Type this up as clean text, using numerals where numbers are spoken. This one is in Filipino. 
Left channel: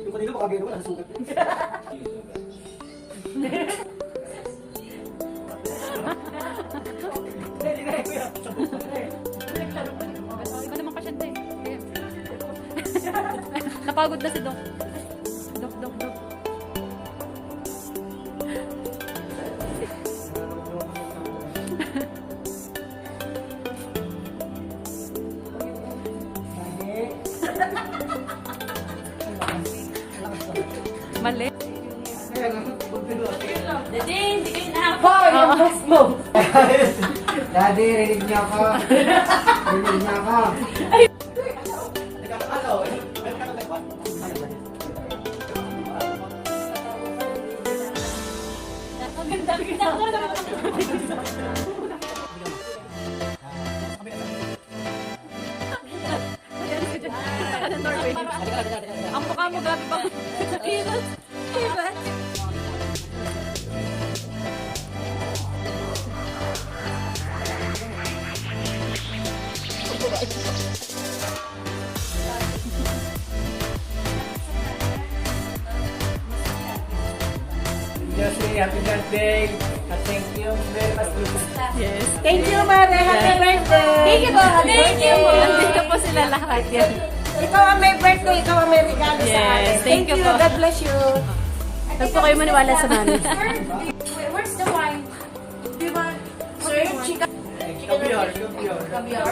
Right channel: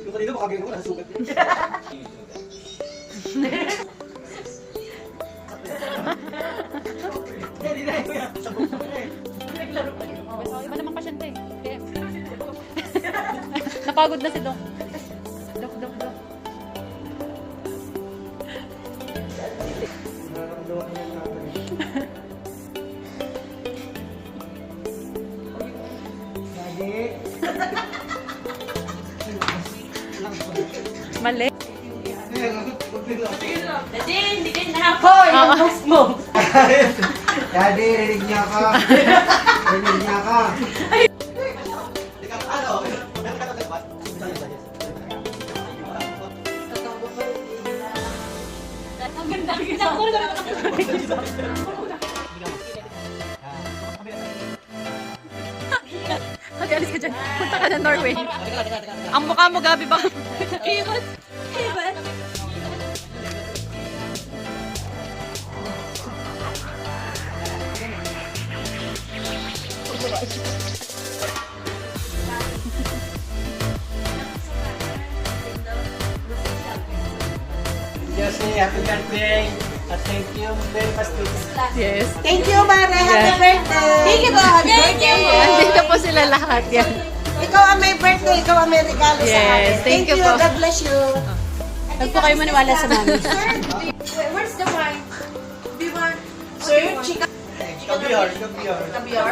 Yung kanina baka gano'n, nasugat. Iba naman pasyente. Napagod na si Dok. Dok. Mali. Hoy, ang boss mo! Daddy, rinig niya ka. Rinig niya ka. Mag-alis ka dyan. Punta ka na Norway. Ang mukha mo, Gabi, ba? Kibat. Josie, happy birthday. Thank you very much. Yes. Thank you, Mara. Happy birthday. Thank you po. Happy birthday po. Nandito po sila lahat yan. Ikaw ang may birthday. Ikaw ang may regalo sa akin. Yes, thank you po. God bless you. Huwag po kayo maniwala sa mami. Where's the wine? Do you want? Sir, Chika. Kabihar. Caviar?